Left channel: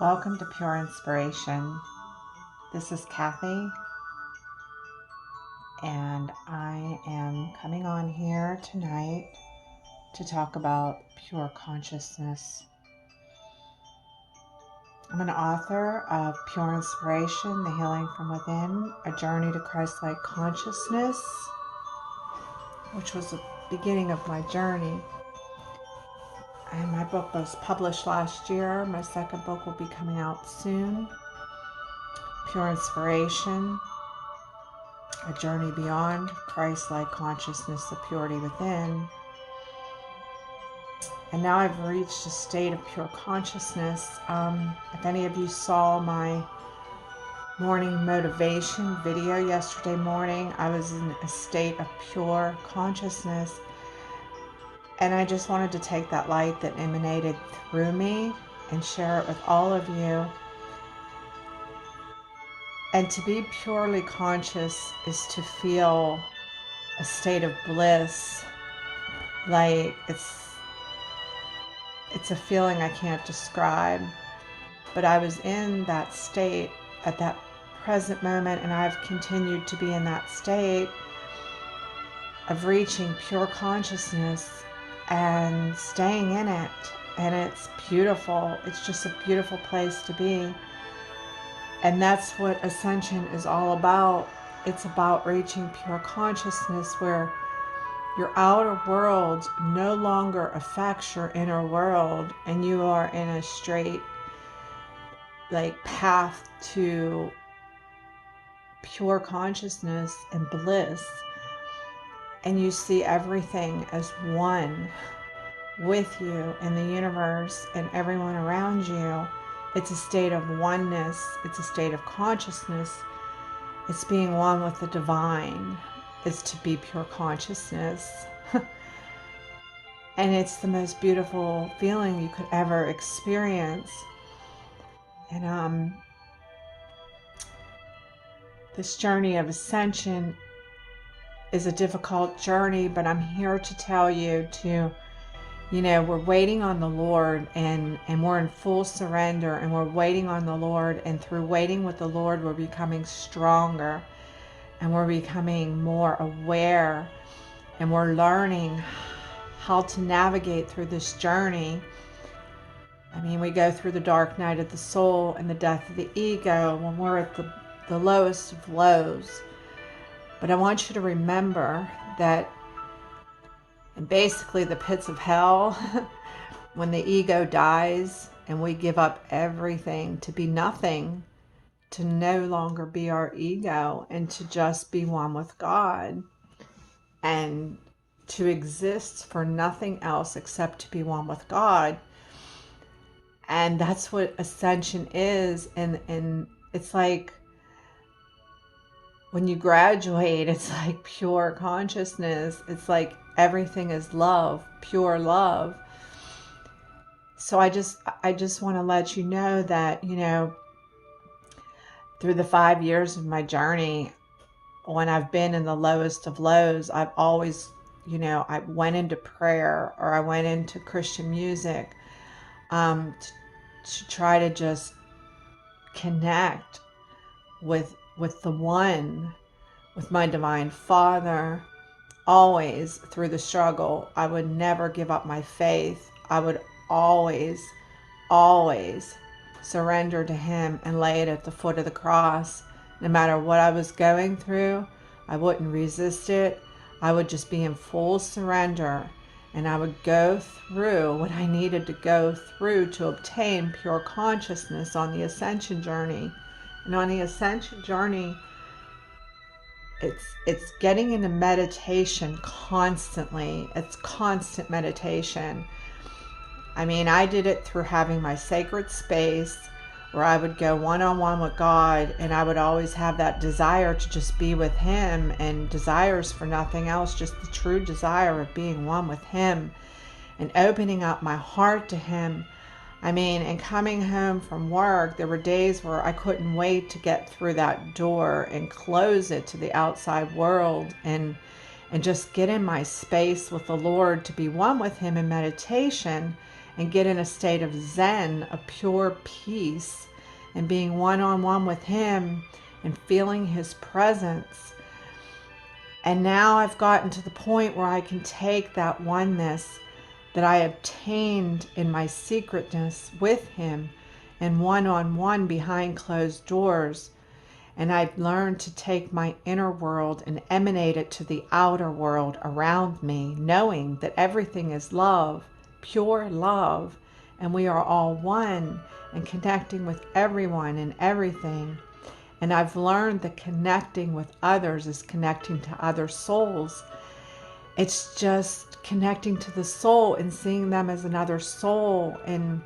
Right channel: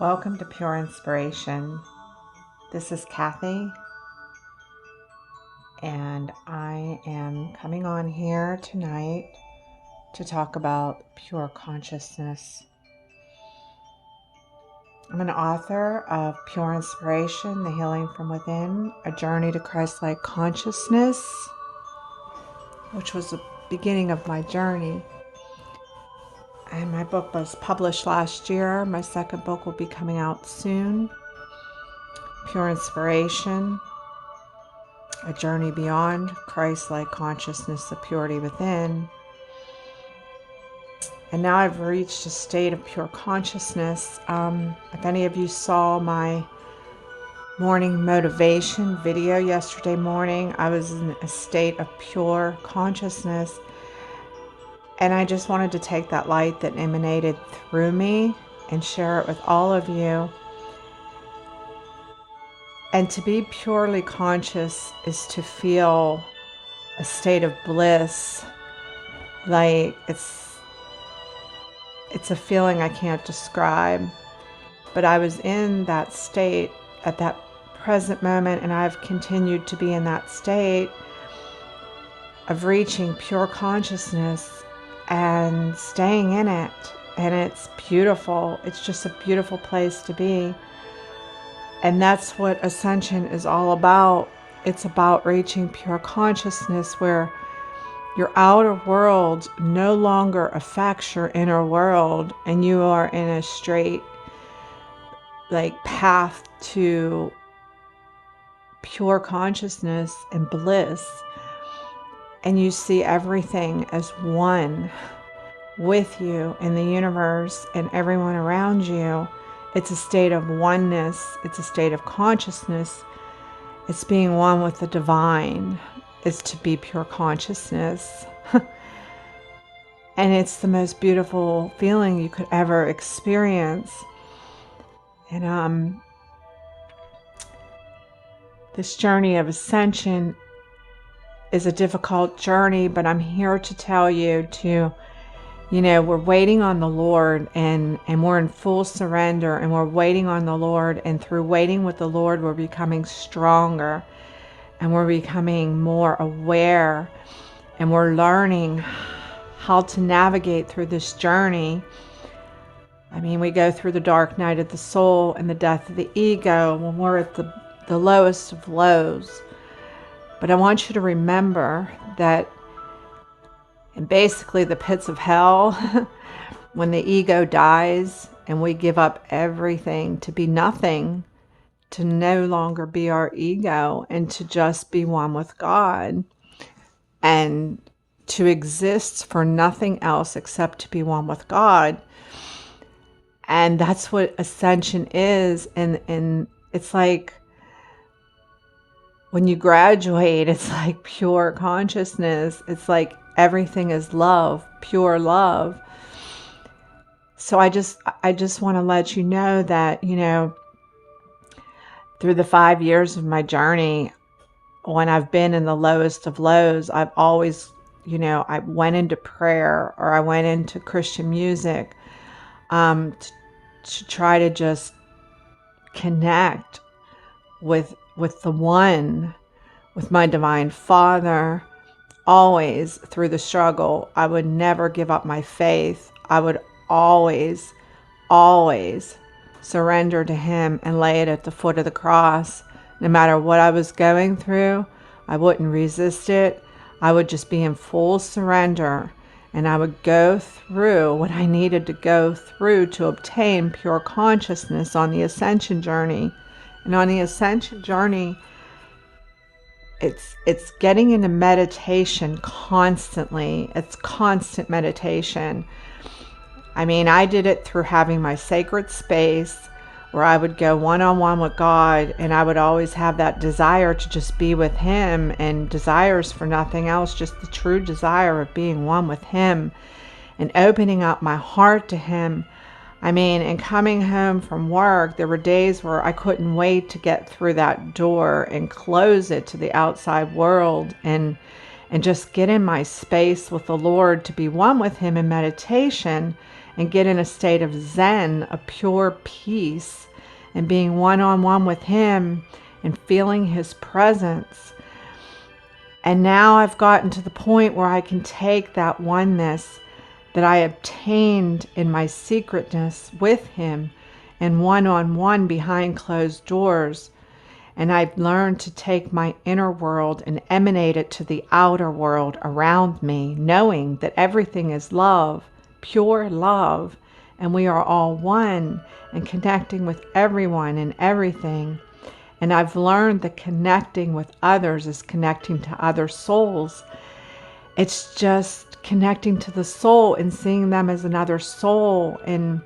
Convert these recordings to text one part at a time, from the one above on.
Welcome to Pure Inspiration. This is Kathy, and I am coming on here tonight to talk about pure consciousness. I'm an author of Pure Inspiration, The Healing from Within, A Journey to Christ-like Consciousness, which was the beginning of my journey. And my book was published last year. My second book will be coming out soon. Pure Inspiration, A Journey Beyond Christ-like Consciousness, the Purity Within. And now I've reached a state of pure consciousness. If any of you saw my morning motivation video yesterday morning, I was in a state of pure consciousness. And I just wanted to take that light that emanated through me and share it with all of you. And to be purely conscious is to feel a state of bliss. Like it's a feeling I can't describe. But I was in that state at that present moment, and I've continued to be in that state of reaching pure consciousness and staying in it. And it's beautiful. It's just a beautiful place to be. And that's what Ascension is all about. It's about reaching pure consciousness where your outer world no longer affects your inner world, and you are in a straight path to pure consciousness and bliss. And you see everything as one with you in the universe and everyone around you. It's a state of oneness. It's a state of consciousness. It's being one with the divine. It's to be pure consciousness. And it's the most beautiful feeling you could ever experience. And this journey of ascension is a difficult journey, but I'm here to tell you we're waiting on the Lord, and we're in full surrender, and we're waiting on the Lord, and through waiting with the Lord, we're becoming stronger, and we're becoming more aware, and we're learning how to navigate through this journey. I mean, we go through the dark night of the soul and the death of the ego when we're at the lowest of lows. But I want you to remember that in basically the pits of hell, when the ego dies and we give up everything to be nothing, to no longer be our ego, and to just be one with God, and to exist for nothing else except to be one with God. And that's what ascension is. And it's like when you graduate, it's like pure consciousness. It's like everything is love, pure love. So I just want to let you know that, through the 5 years of my journey, when I've been in the lowest of lows, I've always, I went into prayer, or I went into Christian music to try to just connect with the one, with my divine Father. Always through the struggle, I would never give up my faith. I would always surrender to Him and lay it at the foot of the cross. No matter what I was going through, I wouldn't resist it. I would just be in full surrender, and I would go through what I needed to go through to obtain pure consciousness on the ascension journey. And on the ascension journey, it's getting into meditation constantly. It's constant meditation. I mean, I did it through having my sacred space where I would go one-on-one with God, and I would always have that desire to just be with Him, and desires for nothing else, just the true desire of being one with Him and opening up my heart to Him. I mean, and coming home from work, there were days where I couldn't wait to get through that door and close it to the outside world, and just get in my space with the Lord to be one with Him in meditation and get in a state of Zen, a pure peace, and being one-on-one with him and feeling his presence. And now I've gotten to the point where I can take that oneness that I obtained in my secretness with him and one-on-one behind closed doors. And I've learned to take my inner world and emanate it to the outer world around me, knowing that everything is love, pure love, and we are all one and connecting with everyone and everything. And I've learned that connecting with others is connecting to other souls. It's just connecting to the soul and seeing them as another soul, and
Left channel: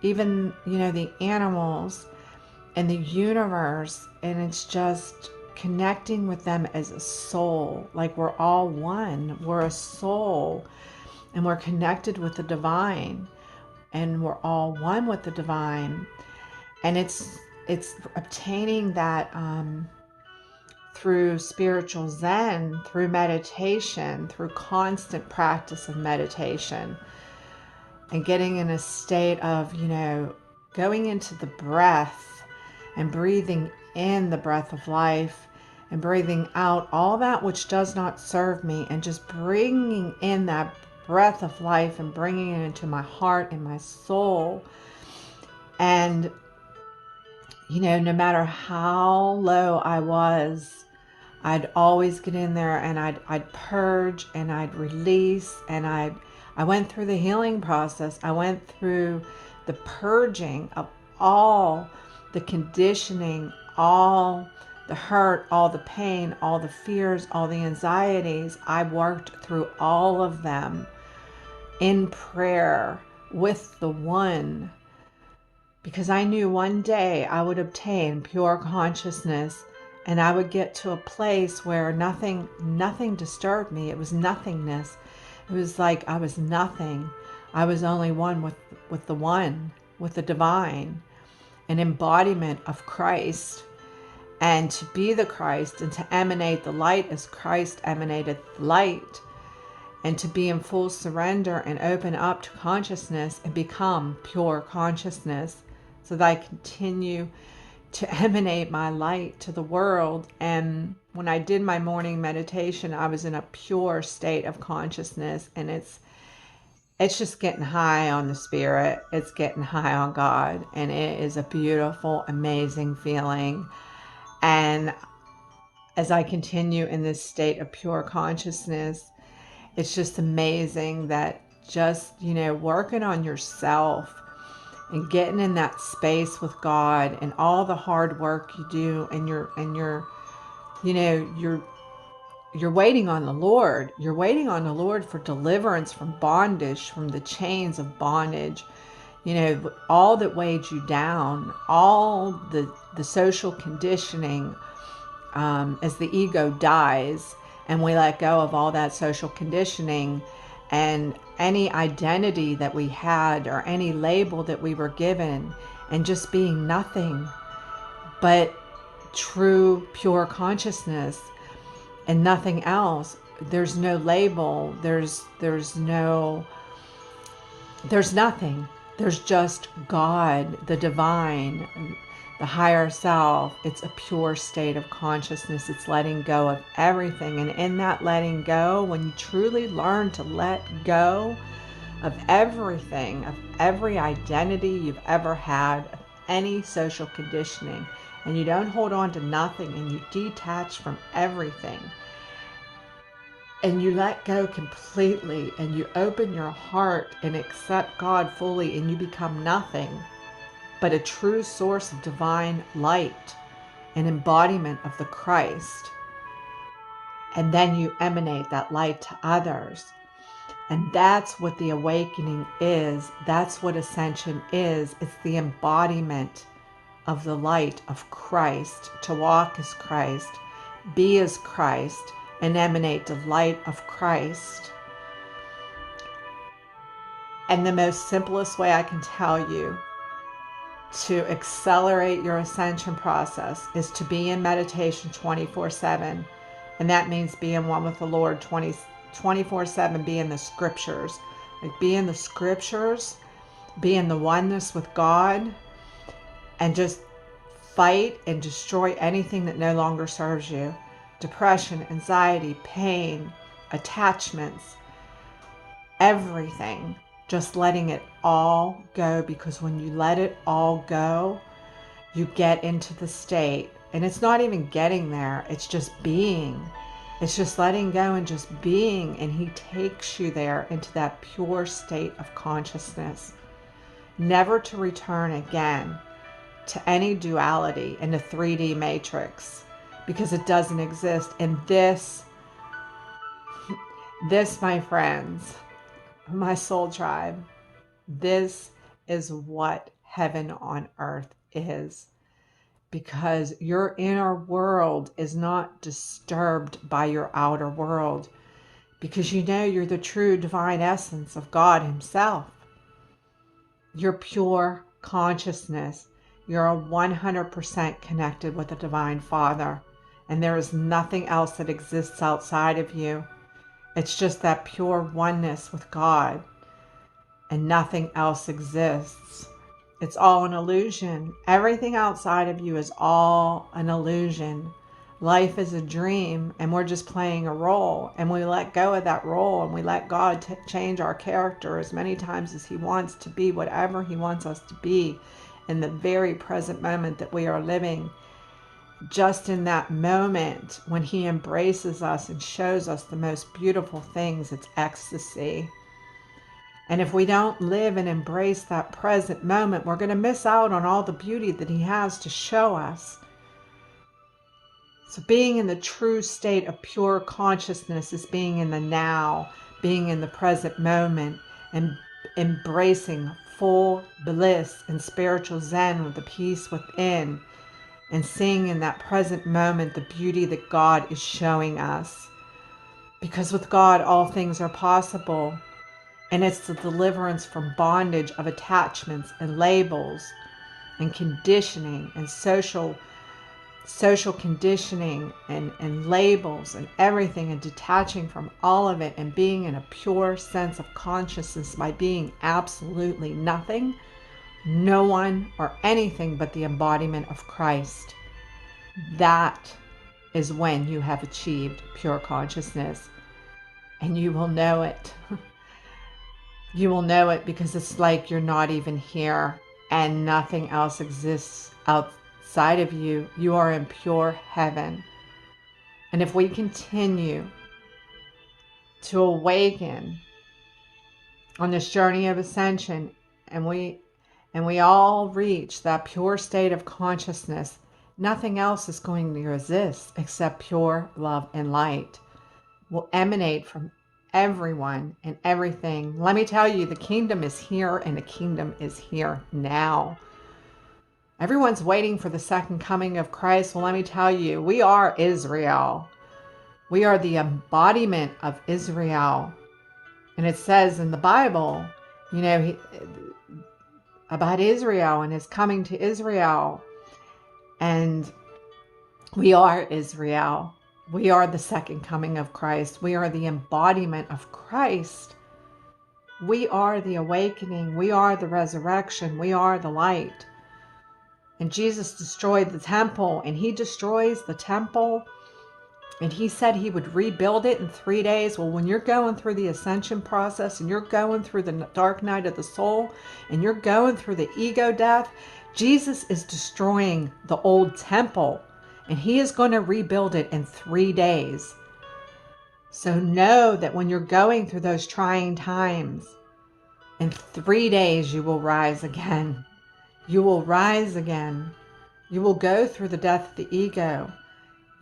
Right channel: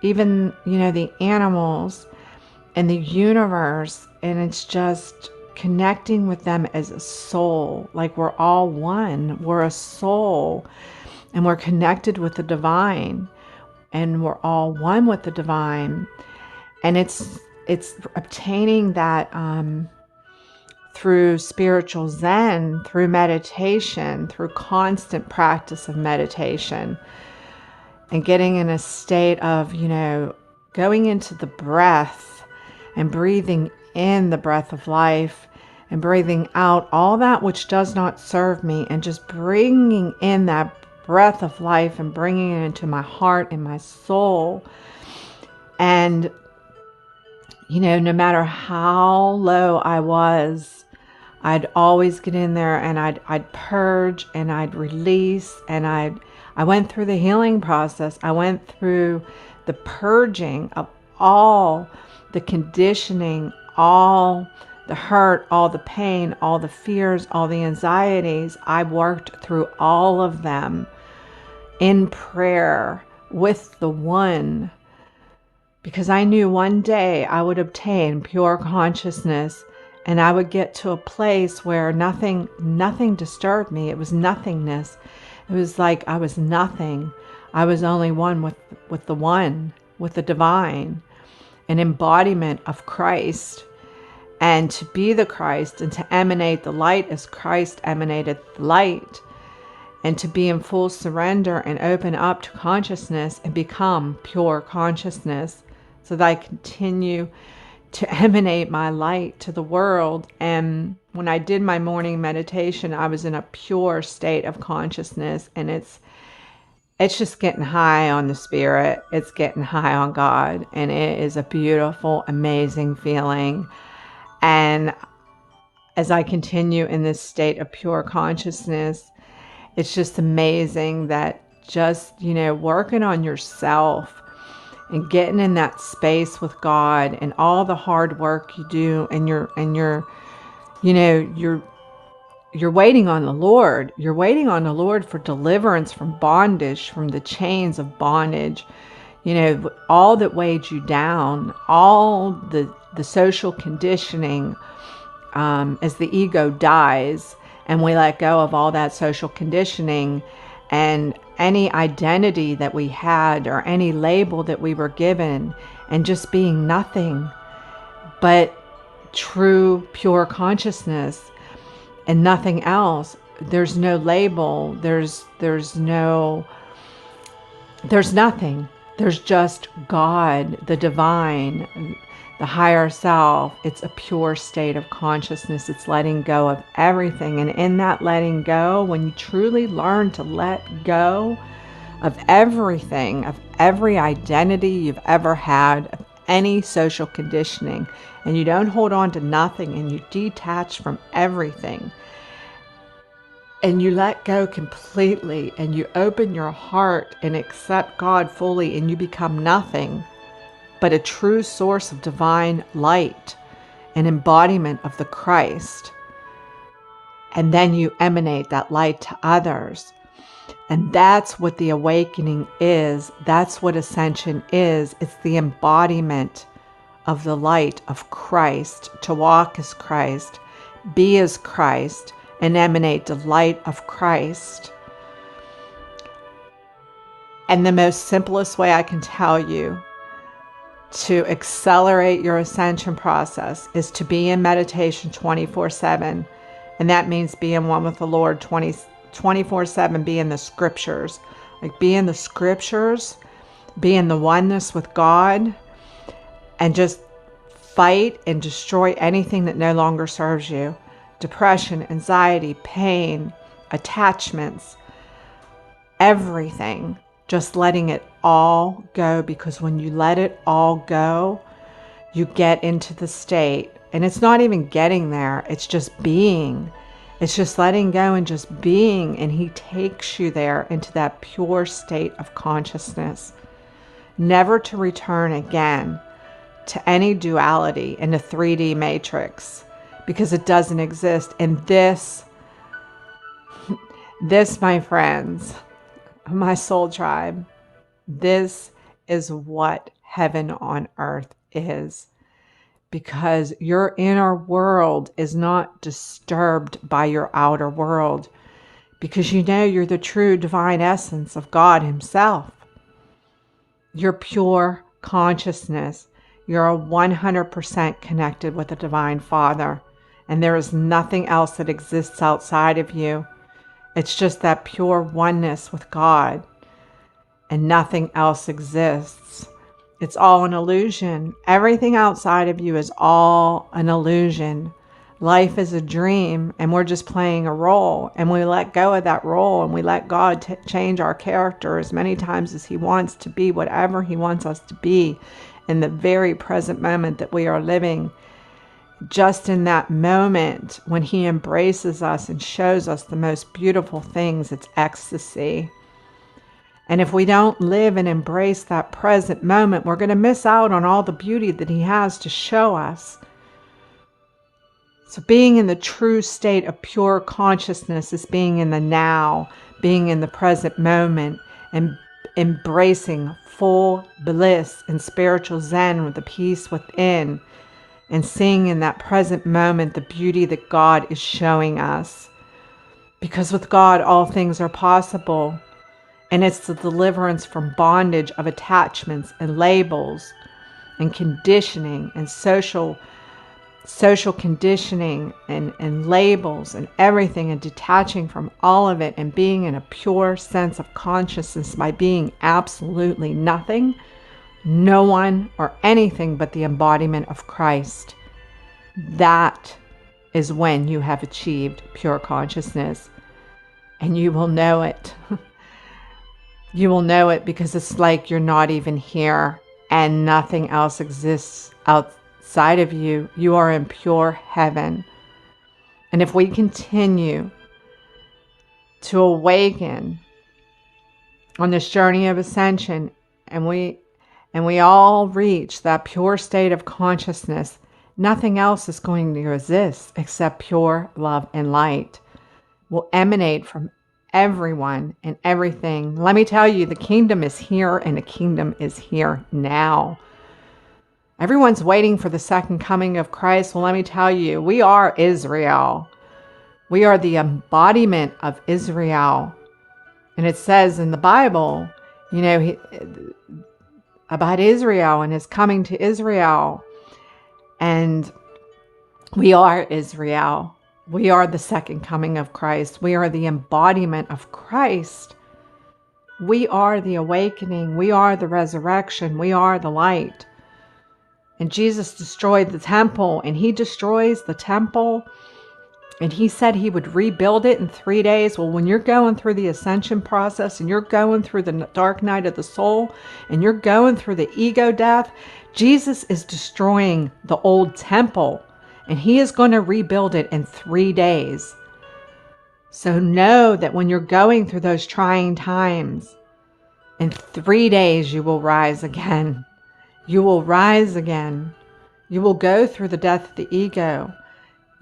even, the animals and the universe. And it's just connecting with them as a soul. Like we're all one. We're a soul and we're connected with the divine, and we're all one with the divine. And it's obtaining that through spiritual Zen, through meditation, through constant practice of meditation, and getting in a state of, going into the breath and breathing in the breath of life and breathing out all that which does not serve me, and just bringing in that breath of life and bringing it into my heart and my soul. And no matter how low I was, I'd always get in there and I'd purge and I'd release, and I went through the healing process. I went through the purging of all the conditioning, all the hurt, all the pain, all the fears, all the anxieties. I worked through all of them in prayer with the one, because I knew one day I would obtain pure consciousness, and I would get to a place where nothing disturbed me. It was nothingness. It was like I was nothing. I was only one with the one, with the divine, an embodiment of Christ. And to be the Christ and to emanate the light as Christ emanated light, and to be in full surrender and open up to consciousness and become pure consciousness, so that I continue to emanate my light to the world. And when I did my morning meditation, I was in a pure state of consciousness, and it's just getting high on the spirit. It's getting high on God, and it is a beautiful, amazing feeling. And as I continue in this state of pure consciousness, it's just amazing that just, working on yourself and getting in that space with God, and all the hard work you do, and you're waiting on the Lord. You're waiting on the Lord for deliverance from bondage, from the chains of bondage, all that weighed you down, all the social conditioning, as the ego dies and we let go of all that social conditioning and any identity that we had or any label that we were given, and just being nothing but true pure consciousness and nothing else. There's no label, there's nothing. There's just God, the divine, the higher self. It's a pure state of consciousness. It's letting go of everything. And in that letting go, when you truly learn to let go of everything, of every identity you've ever had, of any social conditioning, and you don't hold on to nothing, and you detach from everything, and you let go completely, and you open your heart and accept God fully, and you become nothing but a true source of divine light, an embodiment of the Christ. And then you emanate that light to others. And that's what the awakening is. That's what Ascension is. It's the embodiment of the light of Christ, to walk as Christ, be as Christ, and emanate the light of Christ. And the most simplest way I can tell you to accelerate your ascension process is to be in meditation 24/7. And that means be in one with the Lord 24/7, be in the scriptures. Like, be in the scriptures be in the oneness with God, and just fight and destroy anything that no longer serves you. Depression, anxiety, pain, attachments, everything. Just letting it all go, because when you let it all go, you get into the state, and it's not even getting there, it's just being. It's just letting go and just being, and he takes you there into that pure state of consciousness, never to return again to any duality in the 3D matrix, because it doesn't exist. And this, my friends, my soul tribe, this is what heaven on earth is, because your inner world is not disturbed by your outer world, because you know you're the true divine essence of God himself. You're pure consciousness. You're 100% connected with the Divine Father, and there is nothing else that exists outside of you. It's just that pure oneness with God, and nothing else exists. It's all an illusion. Everything outside of you is all an illusion. Life is a dream, and we're just playing a role, and we let go of that role, and we let God change our character as many times as he wants to be whatever he wants us to be in the very present moment that we are living. Just in that moment when he embraces us and shows us the most beautiful things, it's ecstasy. And if we don't live and embrace that present moment, we're going to miss out on all the beauty that he has to show us. So being in the true state of pure consciousness is being in the now, being in the present moment, and embracing full bliss and spiritual zen with the peace within, and seeing in that present moment the beauty that God is showing us. Because with God, all things are possible. And it's the deliverance from bondage of attachments and labels and conditioning and social conditioning and labels and everything, and detaching from all of it and being in a pure sense of consciousness by being absolutely nothing, no one, or anything but the embodiment of Christ. That is when you have achieved pure consciousness, and you will know it. You will know it because it's like you're not even here and nothing else exists outside of you. You are in pure heaven. And if we continue to awaken on this journey of ascension, and we all reach that pure state of consciousness, nothing else is going to exist except pure love and light will emanate from everyone and everything. Let me tell you, the kingdom is here, and the kingdom is here now. Everyone's waiting for the second coming of Christ. Well, let me tell you, we are Israel. We are the embodiment of Israel. And it says in the Bible, about Israel and his coming to Israel. And we are Israel. We are the second coming of Christ. We are the embodiment of Christ. We are the awakening. We are the resurrection. We are the light. And Jesus destroyed the temple, and he destroys the temple. And he said he would rebuild it in 3 days. Well, when you're going through the ascension process, and you're going through the dark night of the soul, and you're going through the ego death, Jesus is destroying the old temple. And he is going to rebuild it in 3 days. So know that when you're going through those trying times, in 3 days you will rise again. You will rise again. You will go through the death of the ego.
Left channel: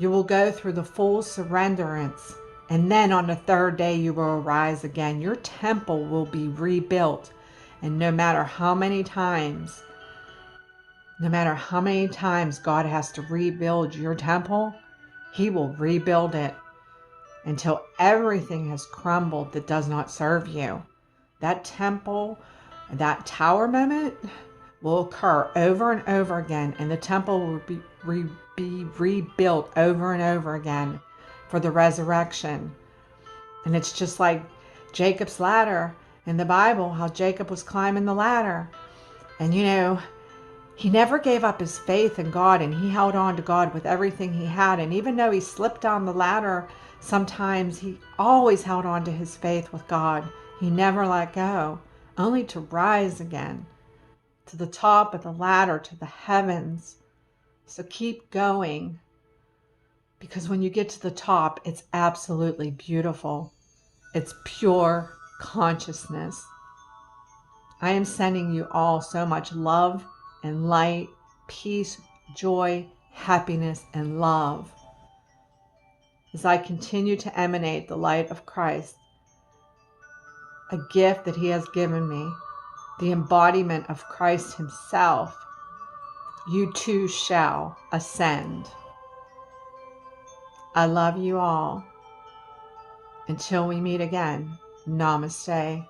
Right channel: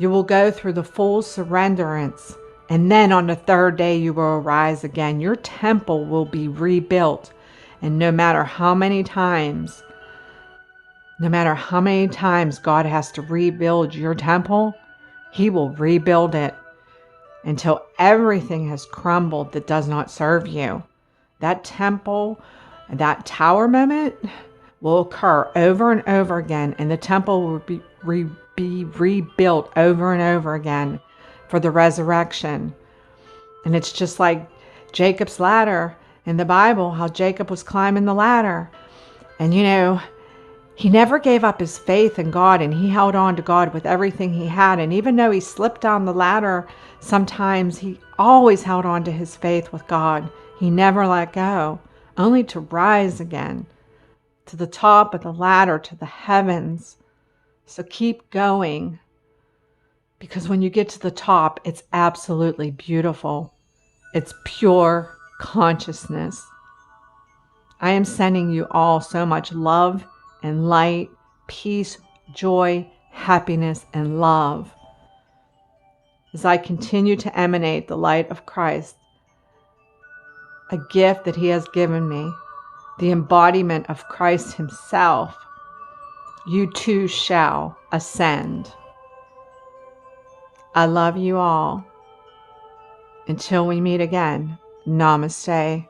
You will go through the full surrenderance. And then on the 3rd day you will rise again. Your temple will be rebuilt. And no matter how many times God has to rebuild your temple, he will rebuild it until everything has crumbled that does not serve you. That temple, that tower moment will occur over and over again, and the temple will be rebuilt over and over again for the resurrection. And it's just like Jacob's ladder. in the Bible how Jacob was climbing the ladder. And he never gave up his faith in God, and he held on to God with everything he had. And even though he slipped down the ladder, sometimes he always held on to his faith with God. He never let go, only to rise again to the top of the ladder, to the heavens. So keep going, because when you get to the top, it's absolutely beautiful. It's pure consciousness. I am sending you all so much love and light, peace, joy, happiness, and love as I continue to emanate the light of Christ, a gift that he has given me, the embodiment of Christ himself. You too shall ascend. I love you all. Until we meet again, namaste.